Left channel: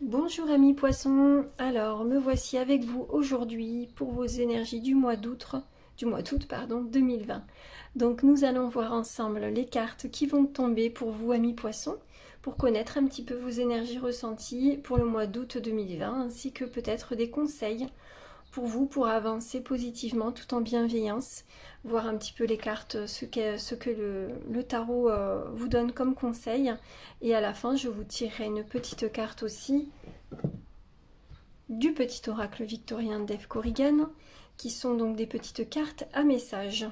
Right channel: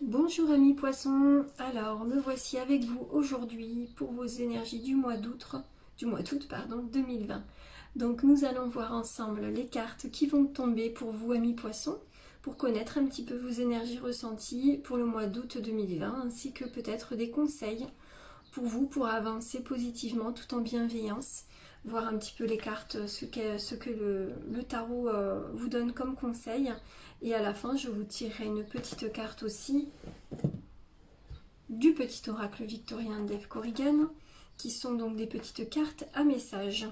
Bonjour amis poissons, alors me voici avec vous aujourd'hui pour vos énergies du mois d'août 2020. Donc nous allons voir ensemble les cartes qui vont tomber pour vous amis poissons, pour connaître un petit peu vos énergies ressenties pour le mois d'août 2020, ainsi que peut-être des conseils pour vous pour avancer positivement tout en bienveillance, voir un petit peu les cartes, ce que le tarot vous donne comme conseil. Et à la fin, je vous tirerai une petite carte aussi du petit oracle victorien d'Eve Corrigan, qui sont donc des petites cartes à messages.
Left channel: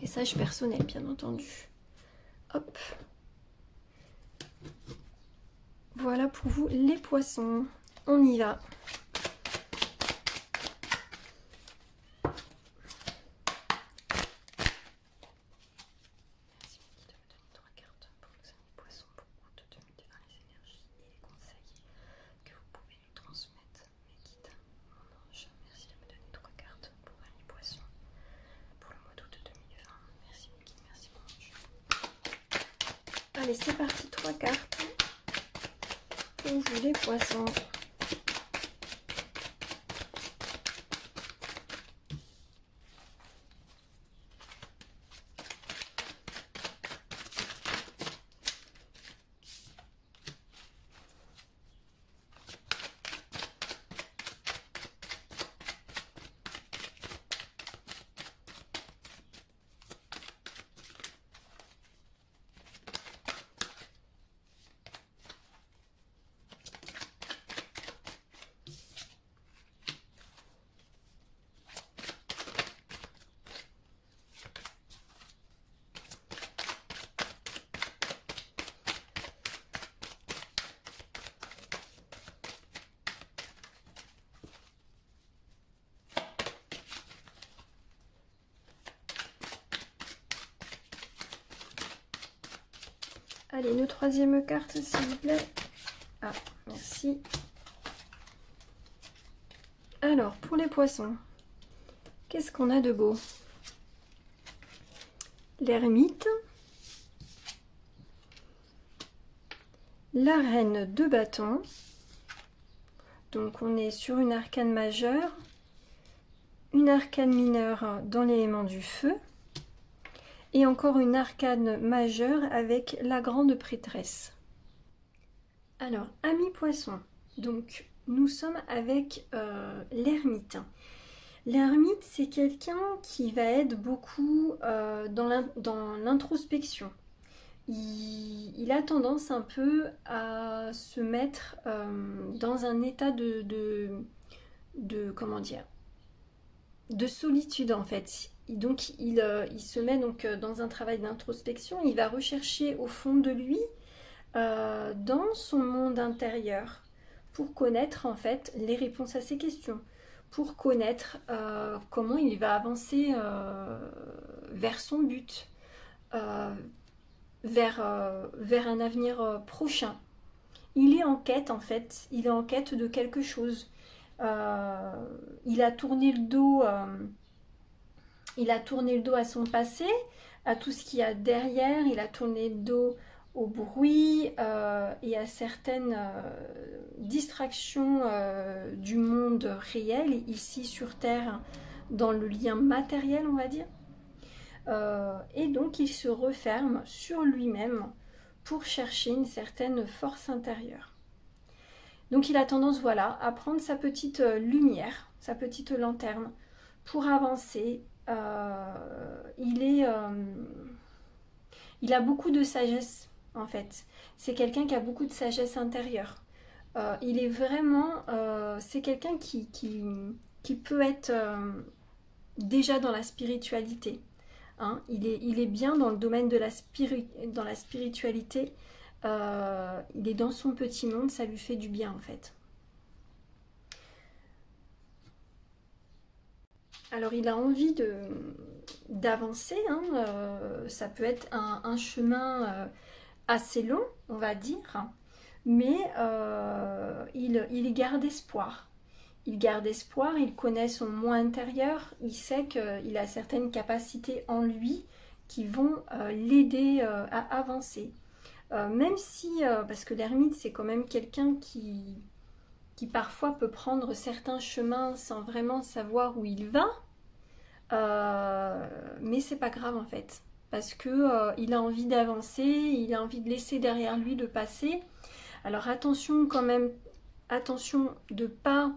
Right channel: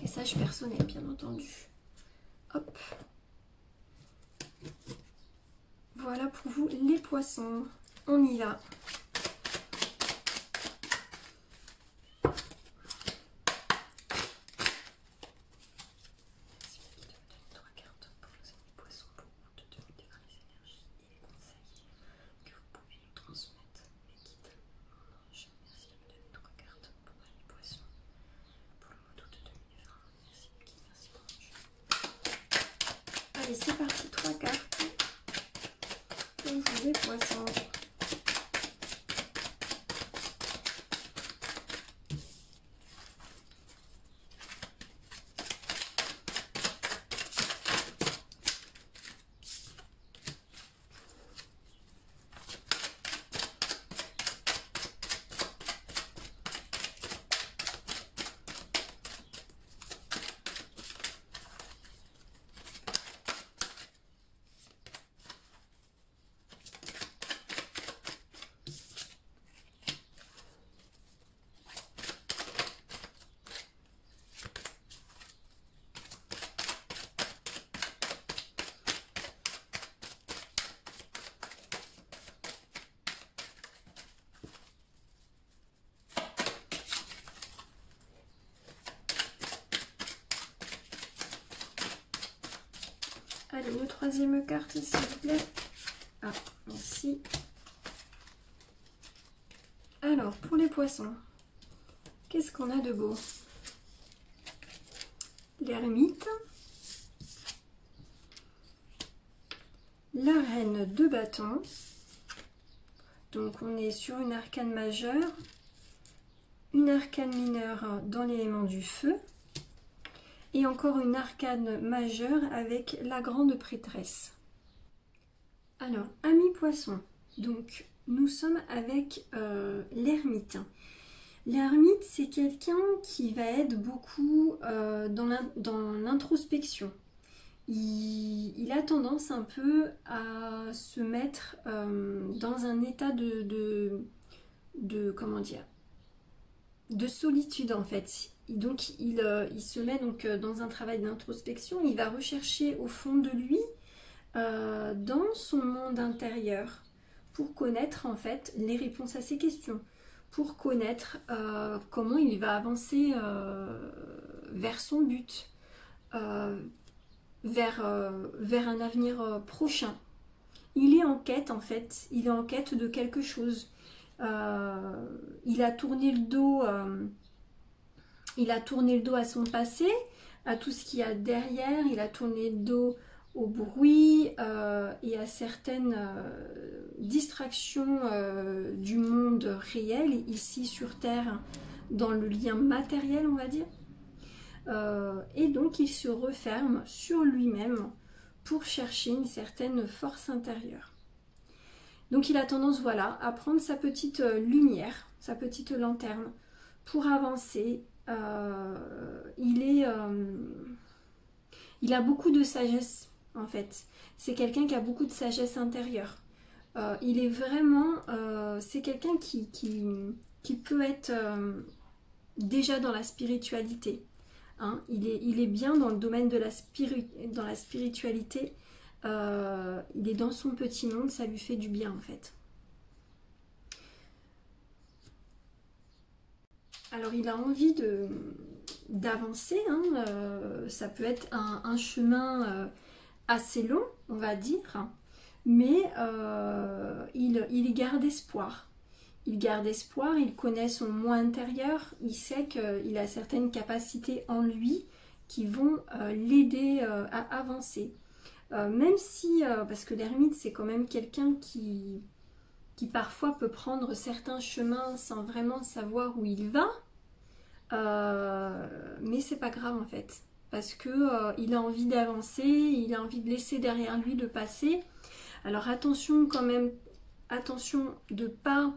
Messages personnels, bien entendu. Hop. Voilà pour vous les poissons. On y va. Allez, c'est parti, 3 cartes pour vous les poissons. Allez, une troisième carte, s'il vous plaît. Ah, merci. Alors, pour les poissons, qu'est-ce qu'on a de beau? L'ermite, la reine de bâton. Donc, on est sur une arcane majeure, une arcane mineure dans l'élément du feu. Et encore une arcane majeure avec la grande prêtresse. Alors, amis poissons, donc nous sommes avec l'ermite. L'ermite, c'est quelqu'un qui va être beaucoup dans l'introspection. Il a tendance un peu à se mettre dans un état comment dire, de solitude en fait. Donc il se met donc dans un travail d'introspection, il va rechercher au fond de lui, dans son monde intérieur, pour connaître en fait les réponses à ses questions, pour connaître comment il va avancer vers son but, vers un avenir prochain. Il est en quête en fait, il est en quête de quelque chose. Il a tourné le dos à son passé, à tout ce qu'il y a derrière, il a tourné le dos au bruit et à certaines distractions du monde réel, ici sur Terre, dans le lien matériel, on va dire. Et donc il se referme sur lui-même pour chercher une certaine force intérieure. Donc il a tendance, voilà, à prendre sa petite lumière, sa petite lanterne, pour avancer. Il a beaucoup de sagesse en fait. C'est quelqu'un qui a beaucoup de sagesse intérieure. Il est vraiment, c'est quelqu'un qui peut être déjà dans la spiritualité. Hein. Il est bien dans le domaine de dans la spiritualité. Il est dans son petit monde, ça lui fait du bien en fait. Alors il a envie d'avancer, hein, ça peut être un chemin assez long, on va dire, mais il garde espoir. Il garde espoir, il connaît son moi intérieur, il sait qu'il a certaines capacités en lui qui vont l'aider à avancer. Même si, parce que l'ermite c'est quand même quelqu'un qui parfois peut prendre certains chemins sans vraiment savoir où il va, mais c'est pas grave en fait, parce que il a envie d'avancer, il a envie de laisser derrière lui le passé. Alors attention quand même, attention de pas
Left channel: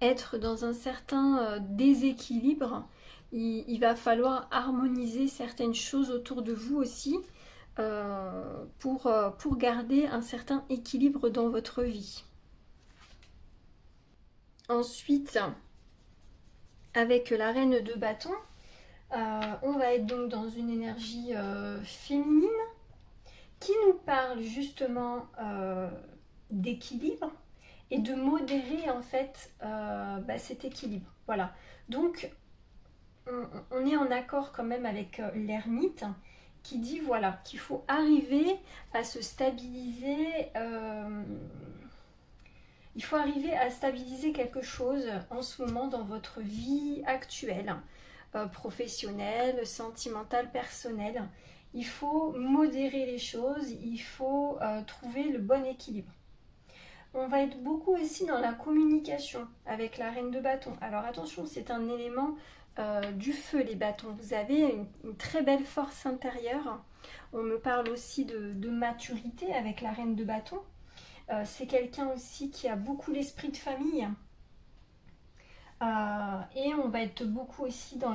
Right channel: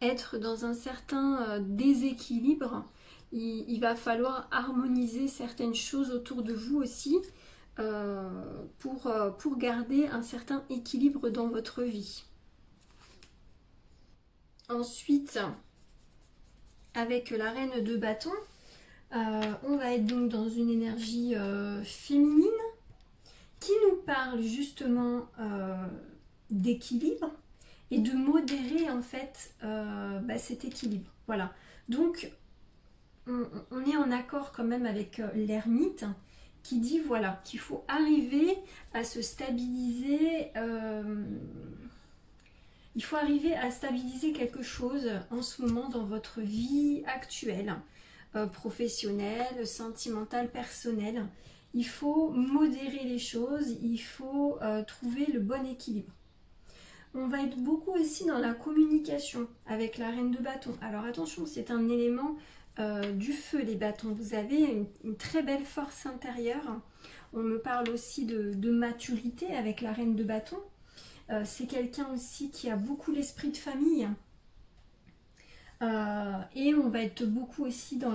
être dans un certain déséquilibre. Il va falloir harmoniser certaines choses autour de vous aussi pour garder un certain équilibre dans votre vie. Ensuite, avec la reine de bâton, on va être donc dans une énergie féminine qui nous parle justement d'équilibre et de modérer en fait cet équilibre. Voilà, donc on est en accord quand même avec l'ermite qui dit voilà qu'il faut arriver à se stabiliser, il faut arriver à stabiliser quelque chose en ce moment dans votre vie actuelle, professionnelle, sentimentale, personnelle. Il faut modérer les choses, il faut trouver le bon équilibre. On va être beaucoup aussi dans la communication avec la reine de bâton. Alors attention, c'est un élément du feu, les bâtons. Vous avez une très belle force intérieure. On me parle aussi de maturité avec la reine de bâton. C'est quelqu'un aussi qui a beaucoup l'esprit de famille. Et on va être beaucoup aussi dans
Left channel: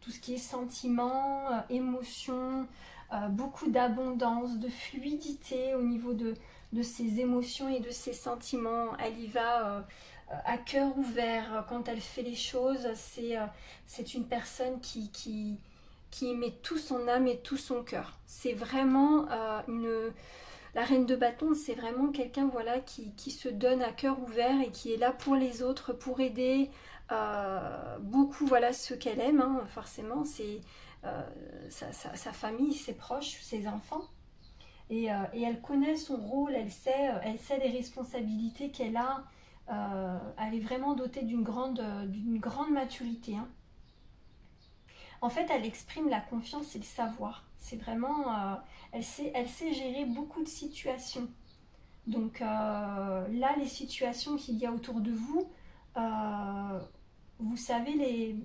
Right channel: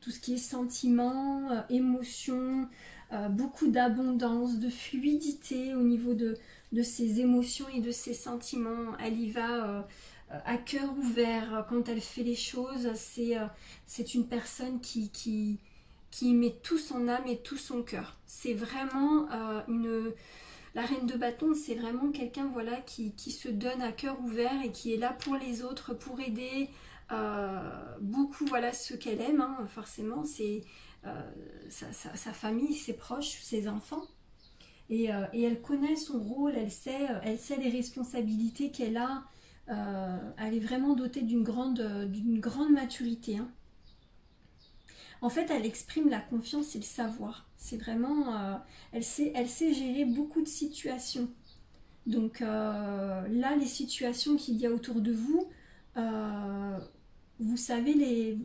tout ce qui est sentiments, émotions, beaucoup d'abondance, de fluidité au niveau de ses émotions et de ses sentiments. Elle y va à cœur ouvert quand elle fait les choses. C'est une personne qui met tout son âme et tout son cœur. C'est vraiment la reine de bâton, c'est vraiment quelqu'un voilà, qui se donne à cœur ouvert et qui est là pour les autres, pour aider beaucoup voilà, ceux qu'elle aime. Hein, forcément, c'est sa famille, ses proches, ses enfants. Et elle connaît son rôle, elle sait les responsabilités qu'elle a. Elle est vraiment dotée d'une grande maturité. Hein. En fait, elle exprime la confiance et le savoir. C'est vraiment... elle sait gérer beaucoup de situations. Donc là, les situations qu'il y a autour de vous, vous savez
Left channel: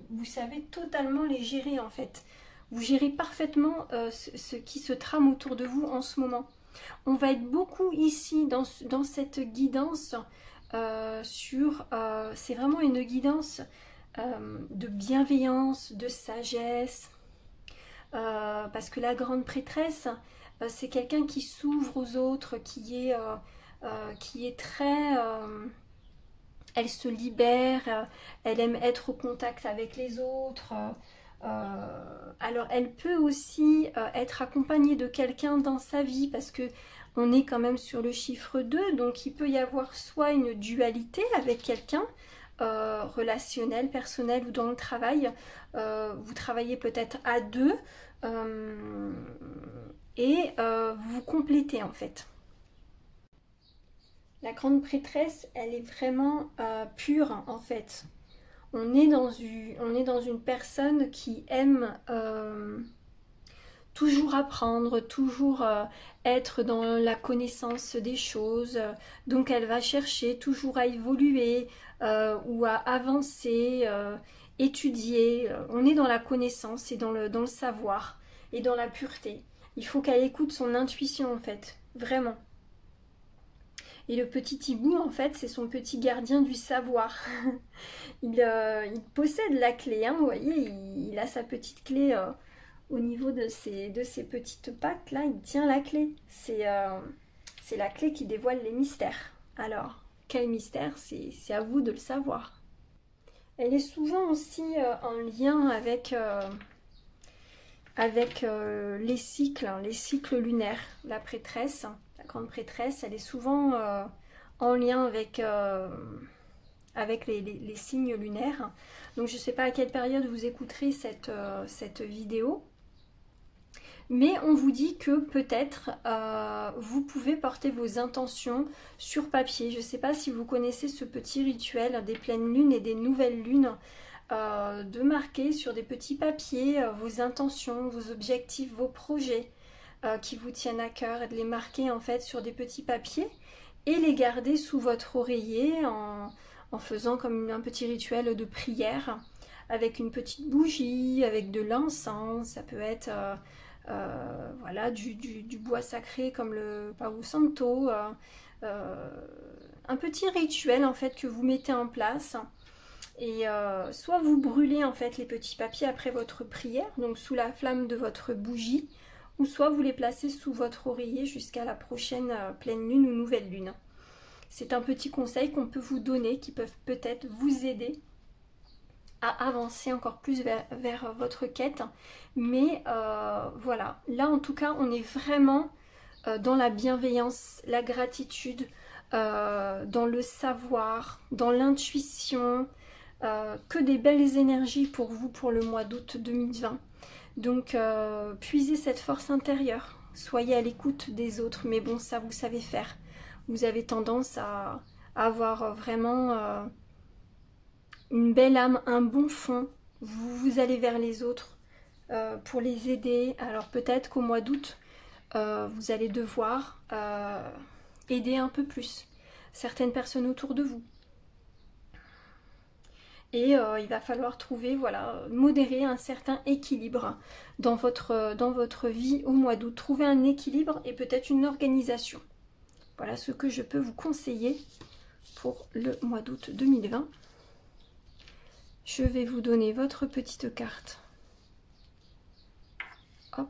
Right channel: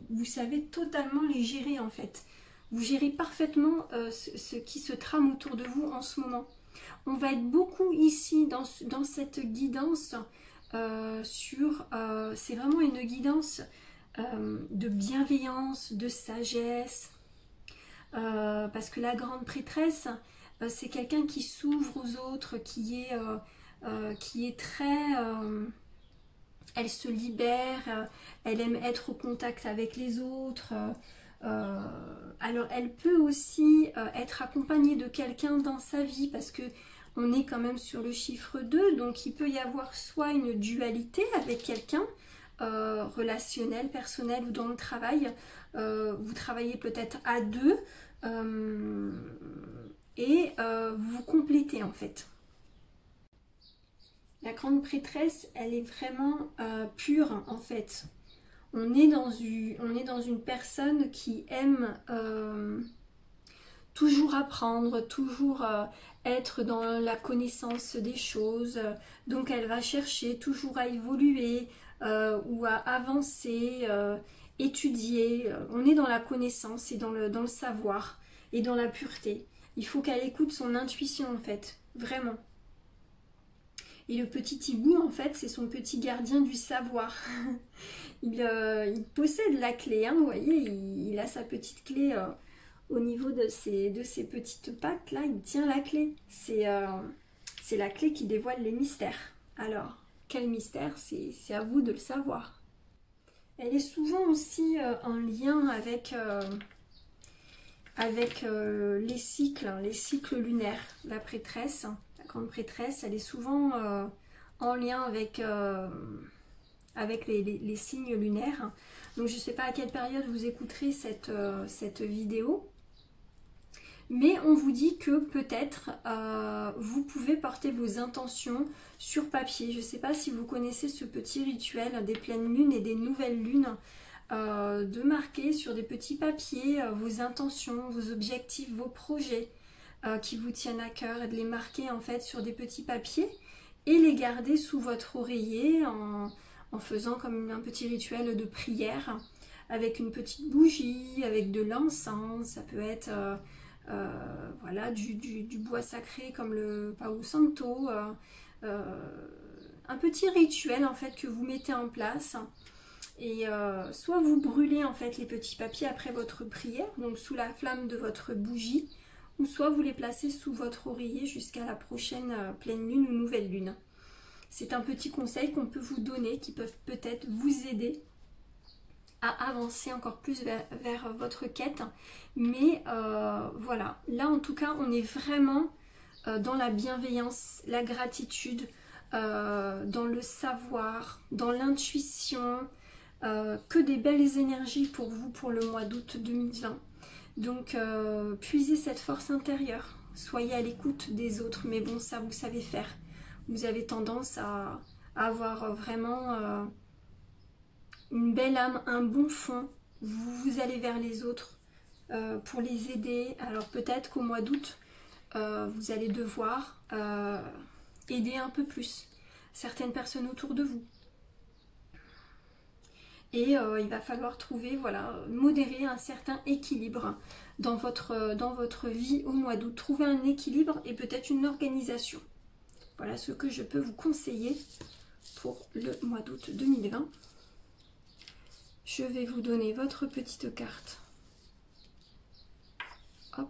totalement les gérer en fait. Vous gérez parfaitement ce qui se trame autour de vous en ce moment. On va être beaucoup ici dans cette guidance c'est vraiment une guidance de bienveillance, de sagesse, parce que la grande prêtresse, c'est quelqu'un qui s'ouvre aux autres, qui est très... elle se libère, elle aime être au contact avec les autres. Alors elle peut aussi être accompagnée de quelqu'un dans sa vie, parce que on est quand même sur le chiffre 2, donc il peut y avoir soit une dualité avec quelqu'un, relationnel, personnel ou dans le travail. Vous travaillez peut-être à deux et vous complétez en fait. La grande prêtresse, elle est vraiment pure en fait. On est dans une personne qui aime toujours apprendre, toujours être dans la connaissance des choses. Donc elle va chercher toujours à évoluer ou à avancer, étudier. On est dans la connaissance et dans le savoir et dans la pureté. Il faut qu'elle écoute son intuition en fait, vraiment. Et le petit hibou, en fait, c'est son petit gardien du savoir. Il possède la clé, hein, vous voyez, il a sa petite clé au niveau de ses petites pattes, là, il tient la clé. C'est la clé qui dévoile les mystères. Alors, quel mystère? C'est à vous de le savoir. Elle est souvent aussi en lien avec les cycles lunaires. La prêtresse, la grande prêtresse, elle est souvent en lien avec les signes lunaires. Donc je ne sais pas à quelle période vous écouterez cette vidéo, mais on vous dit que peut-être vous pouvez porter vos intentions sur papier. Je ne sais pas si vous connaissez ce petit rituel des pleines lunes et des nouvelles lunes, de marquer sur des petits papiers vos intentions, vos objectifs, vos projets. qui vous tiennent à cœur et de les marquer en fait sur des petits papiers et les garder sous votre oreiller en faisant comme un petit rituel de prière avec une petite bougie, avec de l'encens. Ça peut être voilà, du bois sacré comme le Palo Santo, un petit rituel en fait que vous mettez en place. Et soit vous brûlez en fait les petits papiers après votre prière, donc sous la flamme de votre bougie, ou soit vous les placez sous votre oreiller jusqu'à la prochaine pleine lune ou nouvelle lune. C'est un petit conseil qu'on peut vous donner qui peuvent peut-être vous aider à avancer encore plus vers votre quête. Mais voilà, là en tout cas on est vraiment dans la bienveillance, la gratitude, dans le savoir, dans l'intuition, que des belles énergies pour vous pour le mois d'août 2020. Donc puisez cette force intérieure, soyez à l'écoute des autres, mais bon ça vous savez faire. Vous avez tendance à avoir vraiment une belle âme, un bon fond, vous allez vers les autres pour les aider. Alors peut-être qu'au mois d'août, vous allez devoir aider un peu plus certaines personnes autour de vous. Et il va falloir trouver, voilà, modérer un certain équilibre dans votre vie au mois d'août. Trouver un équilibre et peut-être une organisation. Voilà ce que je peux vous conseiller pour le mois d'août 2020. Je vais vous donner votre petite carte. Hop.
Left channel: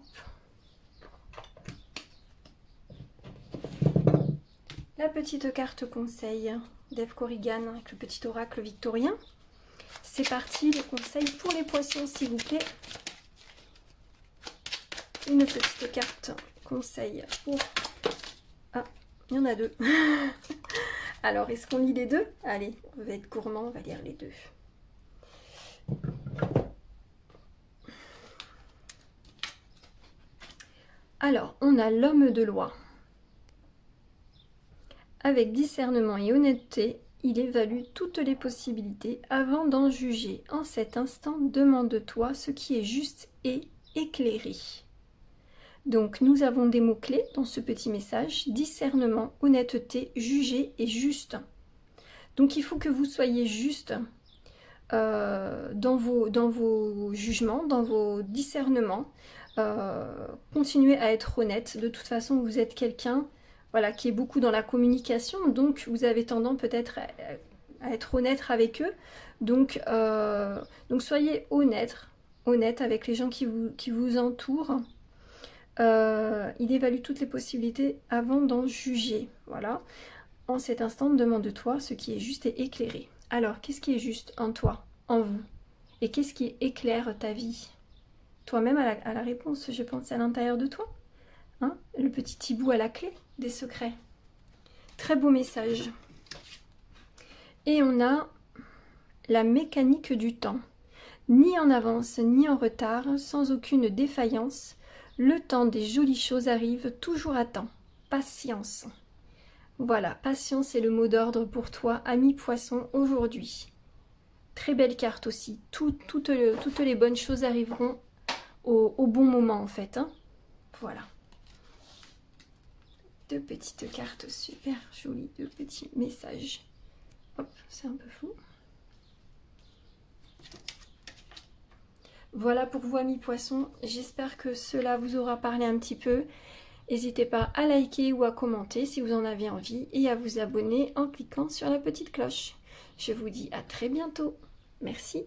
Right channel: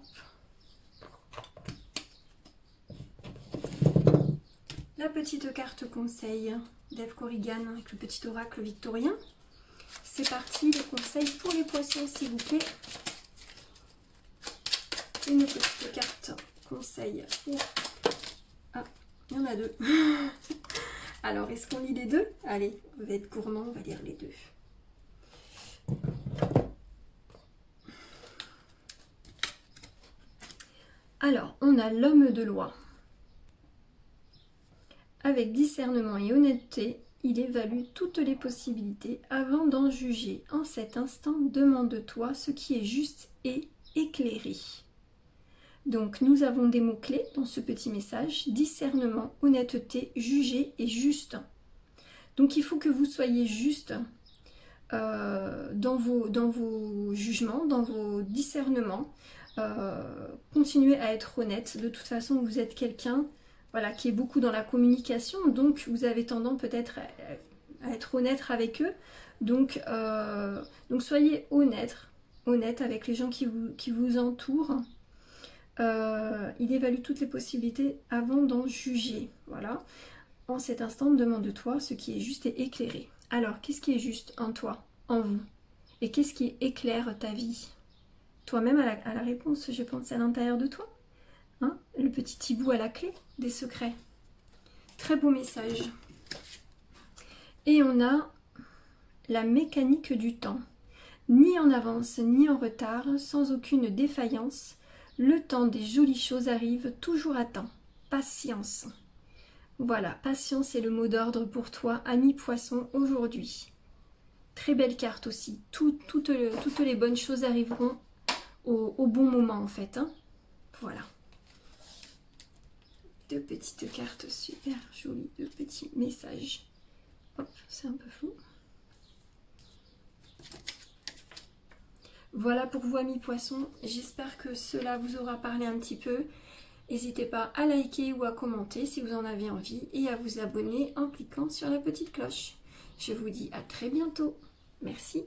La petite carte conseil d'Eve Corrigan avec le petit oracle victorien. C'est parti, les conseils pour les poissons, s'il vous plaît. Une petite carte conseil pour... Ah, il y en a deux. Alors, est-ce qu'on lit les deux? Allez, on va être gourmand, on va lire les deux. Alors, on a l'homme de loi. Avec discernement et honnêteté, il évalue toutes les possibilités avant d'en juger. En cet instant, demande-toi ce qui est juste et éclairé. Donc, nous avons des mots-clés dans ce petit message. Discernement, honnêteté, juger et juste. Donc, il faut que vous soyez juste dans vos jugements, dans vos discernements. Continuez à être honnête. De toute façon, vous êtes quelqu'un... Voilà, qui est beaucoup dans la communication, donc vous avez tendance peut-être à être honnête avec eux. Donc soyez honnête avec les gens qui vous entourent. Il évalue toutes les possibilités avant d'en juger. Voilà. En cet instant, demande-toi ce qui est juste et éclairé. Alors, qu'est-ce qui est juste en toi, en vous? Et qu'est-ce qui éclaire ta vie? Toi-même à la réponse, je pense, à l'intérieur de toi. Hein? Le petit hibou à la clé des secrets. Très beau message. Et on a la mécanique du temps. Ni en avance, ni en retard, sans aucune défaillance, le temps des jolies choses arrive toujours à temps. Patience. Voilà, patience est le mot d'ordre pour toi, ami poisson, aujourd'hui. Très belle carte aussi. Toutes les bonnes choses arriveront au bon moment, en fait. Hein. Voilà. Deux petites cartes super jolies, deux petits messages. Hop, c'est un peu flou. Voilà pour vous, amis poissons. J'espère que cela vous aura parlé un petit peu. N'hésitez pas à liker ou à commenter si vous en avez envie et à vous abonner en cliquant sur la petite cloche. Je vous dis à très bientôt. Merci.